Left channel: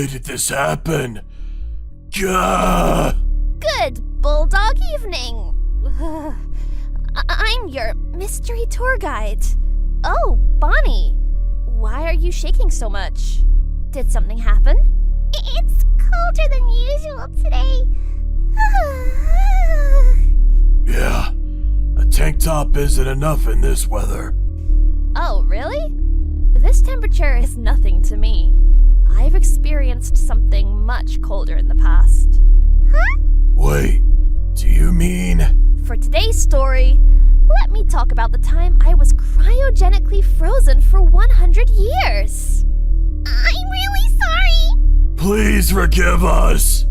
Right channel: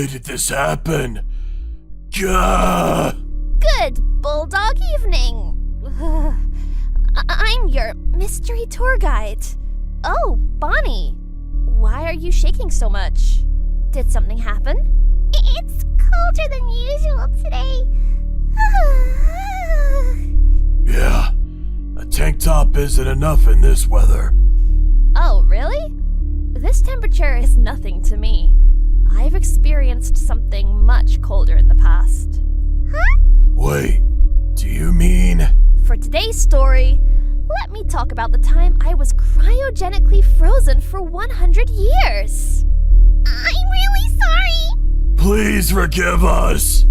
Why did this happen? Gah! Good bulldog evening. I'm your mystery tour guide. Oh, Bonnie. Why are you shaking so much? Did something happen? It's colder than usual today. Yeah, a tank top isn't enough in this weather. Oh, really? This temperature is nothing to me. I've experienced something much colder in the past. Huh? Wait, do you mean? For today's story, let me talk about the time I was cryogenically frozen for 100 years. I'm really sorry. Please forgive us.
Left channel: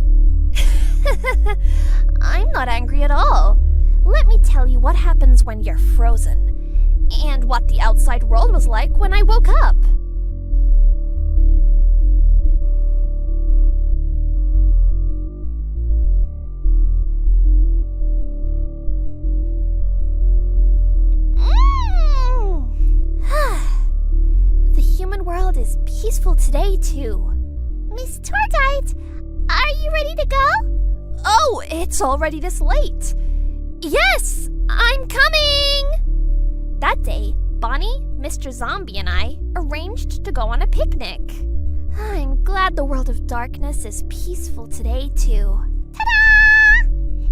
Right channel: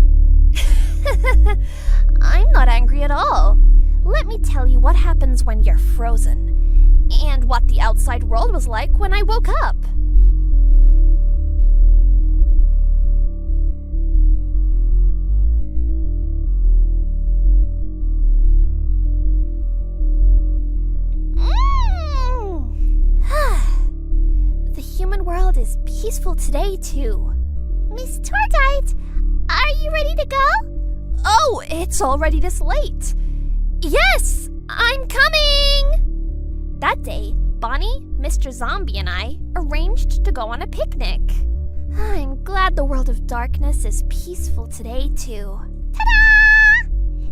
I'm not angry at all. Let me tell you what happens when you're frozen, and what the outside world was like when I woke up. The human world is peaceful today, too. Miss Tour Guide, are you ready to go? Oh, it's already this late. Yes, I'm coming! That day, Bonnie, Mr. Zombie, and I arranged to go on a picnic. I'm glad the world of darkness is peaceful today, too. Ta-da!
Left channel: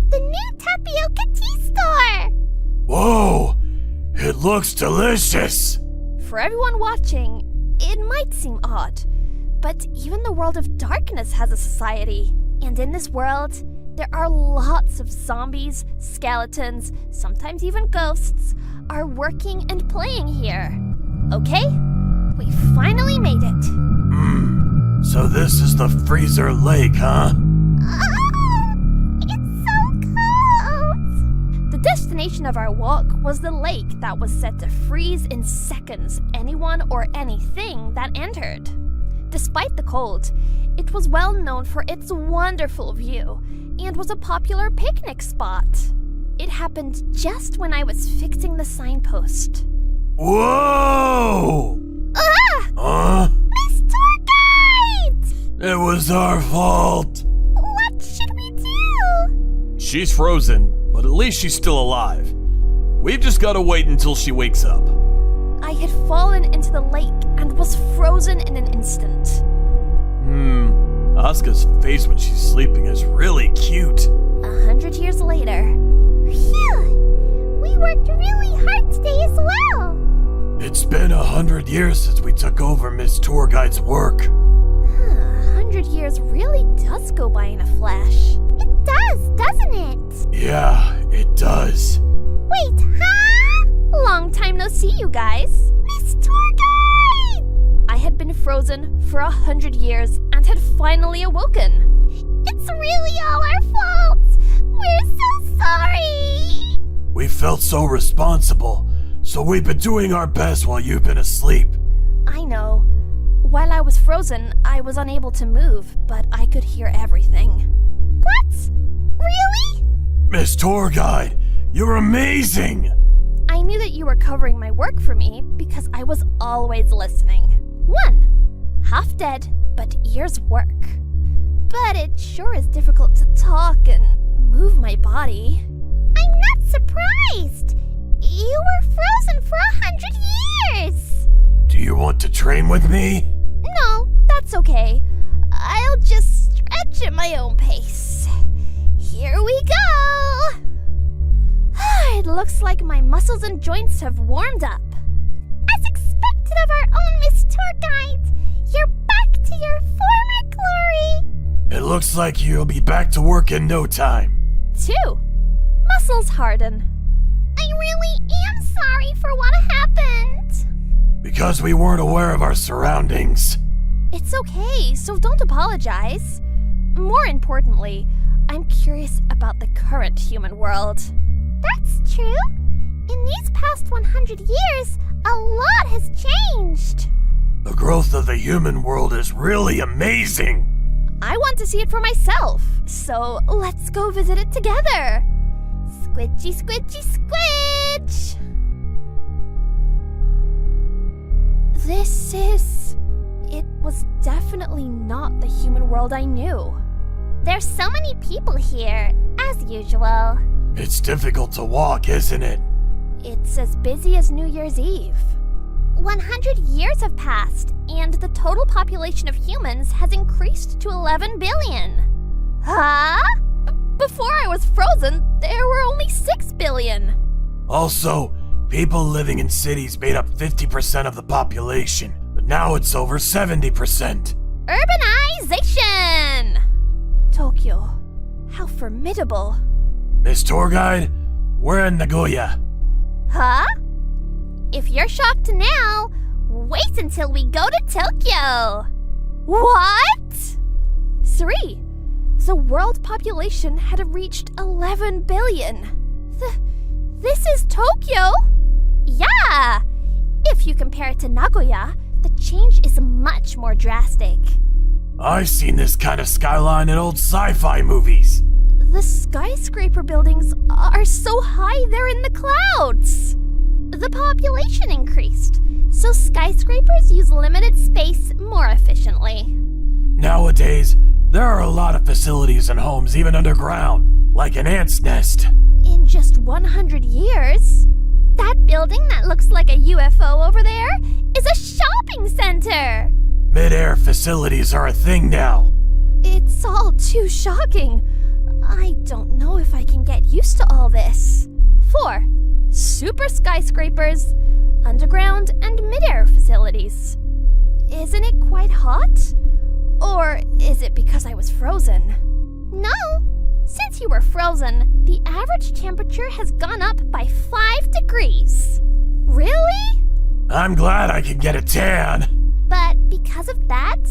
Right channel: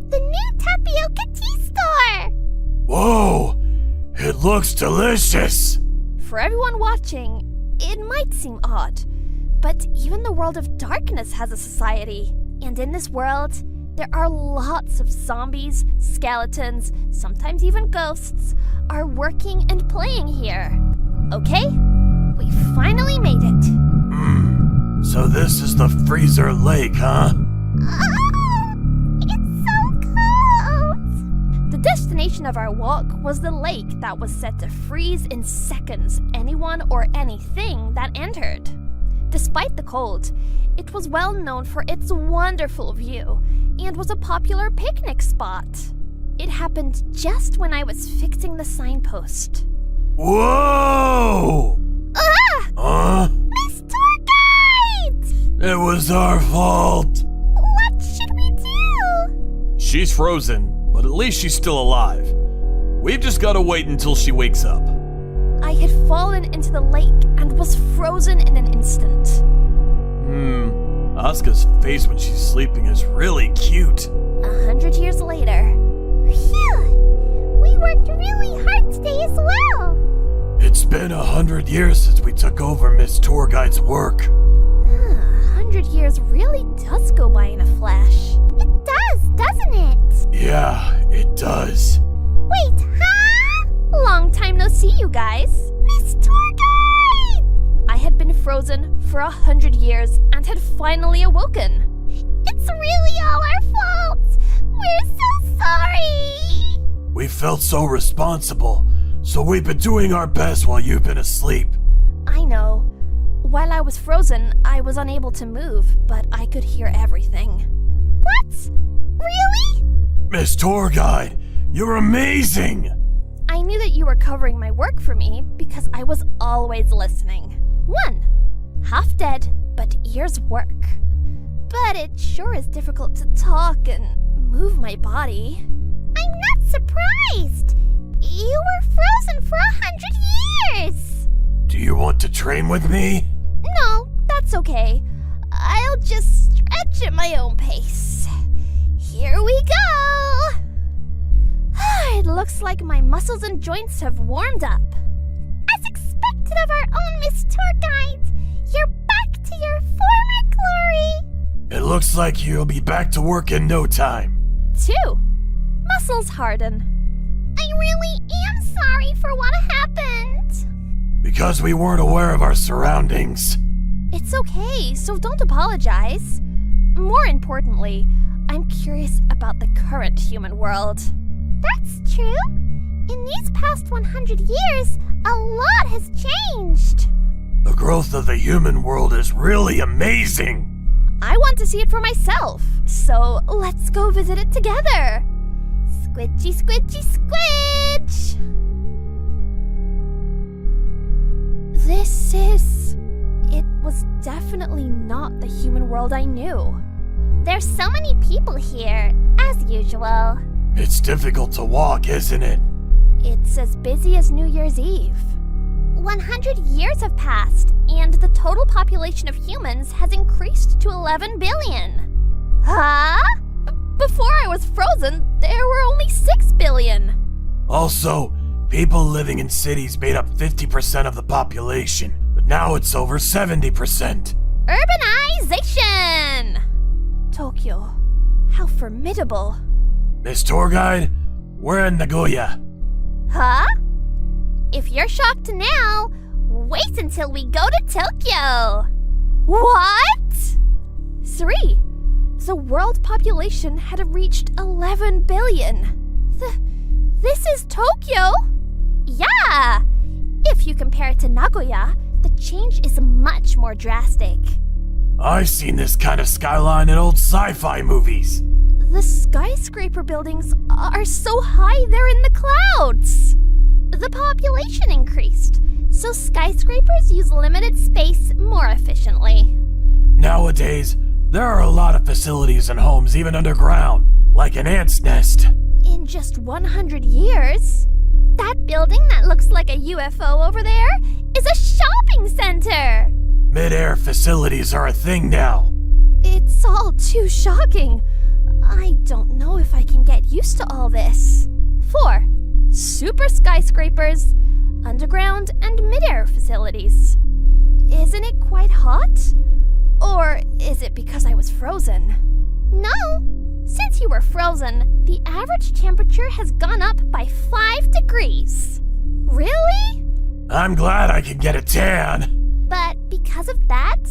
The new tapioca tea store! Whoa, it looks delicious. For everyone watching, it might seem odd, but even the world of darkness has a society. And in this world, there are lots of zombies, skeletons, sometimes even ghosts, are working and playing here. Okay? We finally made it. So this is the freezer lake, huh? Oh, it's so cold! The destination of our walk was the lake that was set to freeze in seconds anyone or anything that entered. Despite the cold, it was well known for its wonderful view and was a popular picnic spot. It happened just when I was fixing the signpost. Whoa! Ah! Huh? Miss Tour Guide! It was our fault. What should we do? She's frozen, but at least she's still alive. We've just gotta wait until she wakes up. I had fallen into the lake and was frozen in an instant. Asuka's face when she's sleeping is really cute. 100 years later. Phew! We worked really hard today as well. It's been 100 years since we took over Miss Tour Guide's work. 100 years really does go by in a flash. It does, doesn't it? Yeah, it does. Wait, huh? Long time no see, you guys. Miss Tour Guide! I had been frozen for 100 years and had finally awoken. It's really all our fault. We're so sorry. We felt so responsible, so we've been doing our best while you've been asleep. I know. While I was frozen, I was unable to move, but I could hear everything. What? Really? Miss Tour Guide, you're amazing! I knew that you were covering my work for me because I was always listening. 1. Half dead, but ears work. But it sure is difficult to talk and move my body. I'm not surprised. You were frozen for 100 years. Do you want to train with me? No, that's okay. I'll just stretch at my own pace. Here we go! It looks like my muscles and joints have warmed up. As expected of our own Miss Tour Guide, you're back to your former glory. It looks like you'll be back to work in no time. 2. Muscles harden. I really am sorry for what happened. Because we weren't aware of our surroundings. It's okay, so don't apologize. More importantly, I'm curious about the current human world. That's true. In these past 100 years, a lot has changed. The growth of the human world is really amazing. I want to see it for myself, so let's go visit it together. Squidgy, squidgy, squidge! This is It was definitely not the human world I knew. There's so many people here, as usual. It's difficult to walk, isn't it? It's as busy as New Year's Eve. 100 years have passed, And the total population of humans has increased to 11 billion. huh? Before I was frozen, there were only 6 billion. Also, people living in cities made up 50% of the population, but now it's over 70%. Urbanization! Tokyo, how formidable. Miss Tour Guide, we're in Nagoya. Huh? If you're shocked now, wait until we go to Tokyo. What? 3. The world population had reached 11 billion. This is Tokyo? Yeah! If you compare it to Nagoya, the change is much more drastic. I've seen this kind of skyline in old sci-fi movies. The skyscraper buildings are so high they're in the clouds. The population increased, so skyscrapers use limited space more efficiently. Nowadays, there are a lot of facilities and homes even underground, like an ant's nest. In just 100 years? That building that looks like a UFO over there is a shopping center! Mid-air facilities are a thing now. It's all too shocking. I don't know if I can get used to all this. 4. Super skyscrapers, underground and mid-air facilities. Isn't it quite hot? Or is it because I was frozen? No! Since you were frozen, the average temperature has gone up by 5 degrees. Really? I'm glad I can get a tan. But because of that,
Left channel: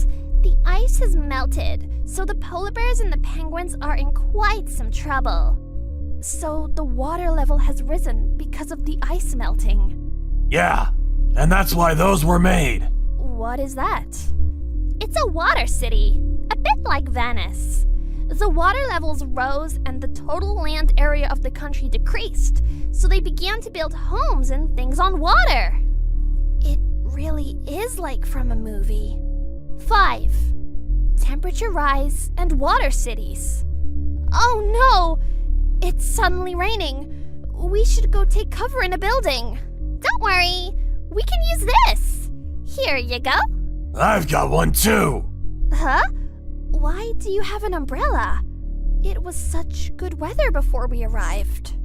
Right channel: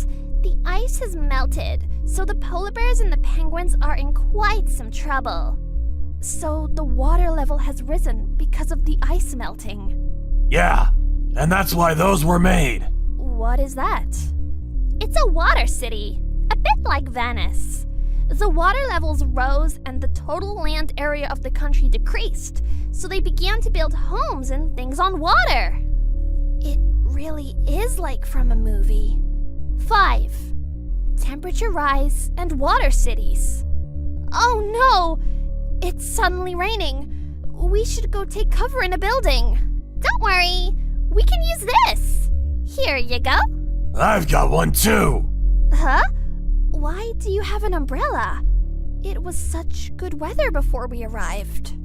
the ice has melted, so the polar bears and the penguins are in quite some trouble. So the water level has risen because of the ice melting. Yeah, and that's why those were made. What is that? It's a water city, a bit like Venice. The water levels rose and the total land area of the country decreased, so they began to build homes and things on water. It really is like from a movie. 5. Temperature rise and water cities. Oh no! It's suddenly raining. We should go take cover in a building. Don't worry, we can use this. Here you go. I've got one too. Huh? Why do you have an umbrella? It was such good weather before we arrived.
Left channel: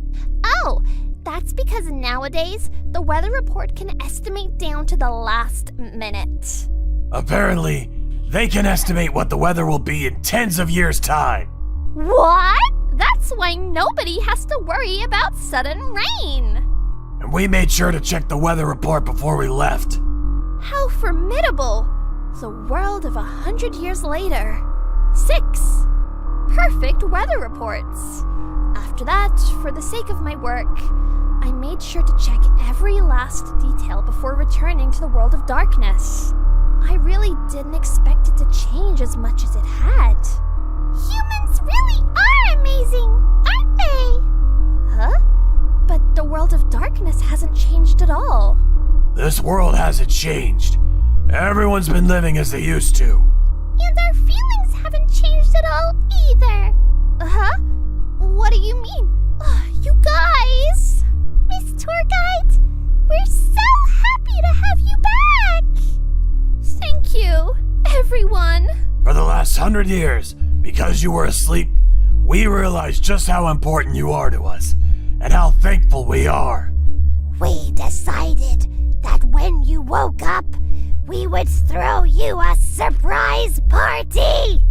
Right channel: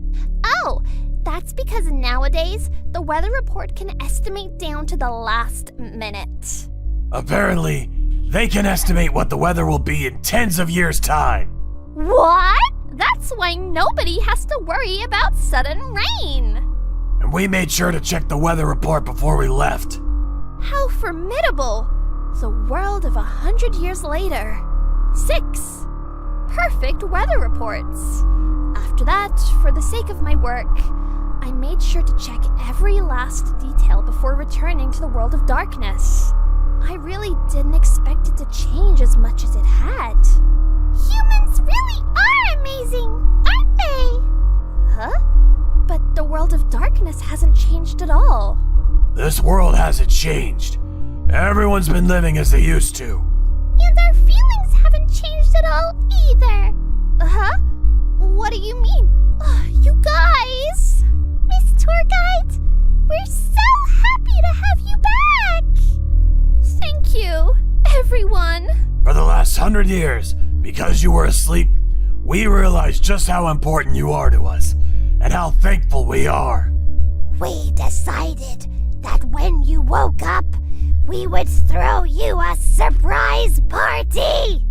Oh, that's because nowadays the weather report can estimate down to the last minute. Apparently, they can estimate what the weather will be in tens of years' time. What? That's why nobody has to worry about sudden rain. And we made sure to check the weather report before we left. How formidable! The world of 100 years later. 6. Perfect weather reports. After that, for the sake of my work, I made sure to check every last detail before returning to the world of darkness. I really didn't expect it to change as much as it had. Humans really are amazing, aren't they? Huh? But the world of darkness hasn't changed at all. This world hasn't changed. Everyone's been living as they used to. And our feelings haven't changed at all either. Huh? What do you mean? You guys! Miss Tour Guide, we're so happy to have you back! Thank you, everyone. For the last 100 years, because you were asleep, we realized just how important you are to us, and how thankful we are. We decided that when you woke up, we would throw you a surprise party!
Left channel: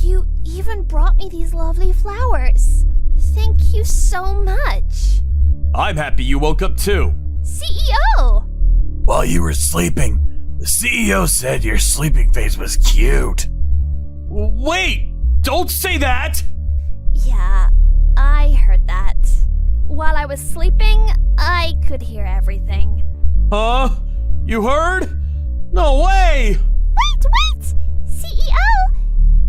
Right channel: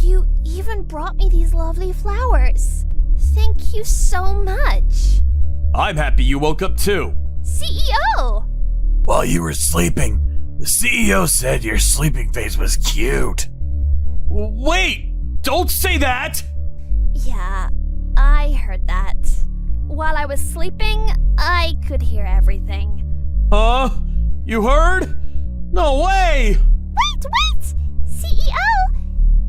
You even brought me these lovely flowers. Thank you so much. I'm happy you woke up too. CEO! While you were sleeping, the CEO said your sleeping face was cute. Wait! Don't say that! Yeah, I heard that. While I was sleeping, I could hear everything. Huh? You heard? No way! Wait! CEO!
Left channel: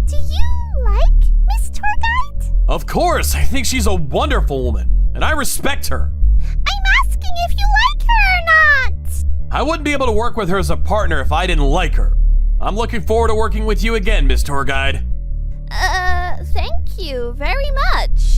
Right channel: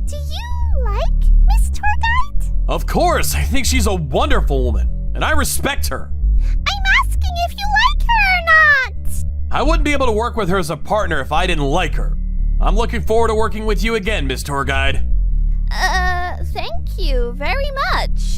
Do you like Miss Tour Guide? Of course, I think she's a wonderful woman, and I respect her. I'm asking if you like her or not! I wouldn't be able to work with her as a partner if I didn't like her. I'm looking forward to working with you again, Miss Tour Guide. Thank you very much.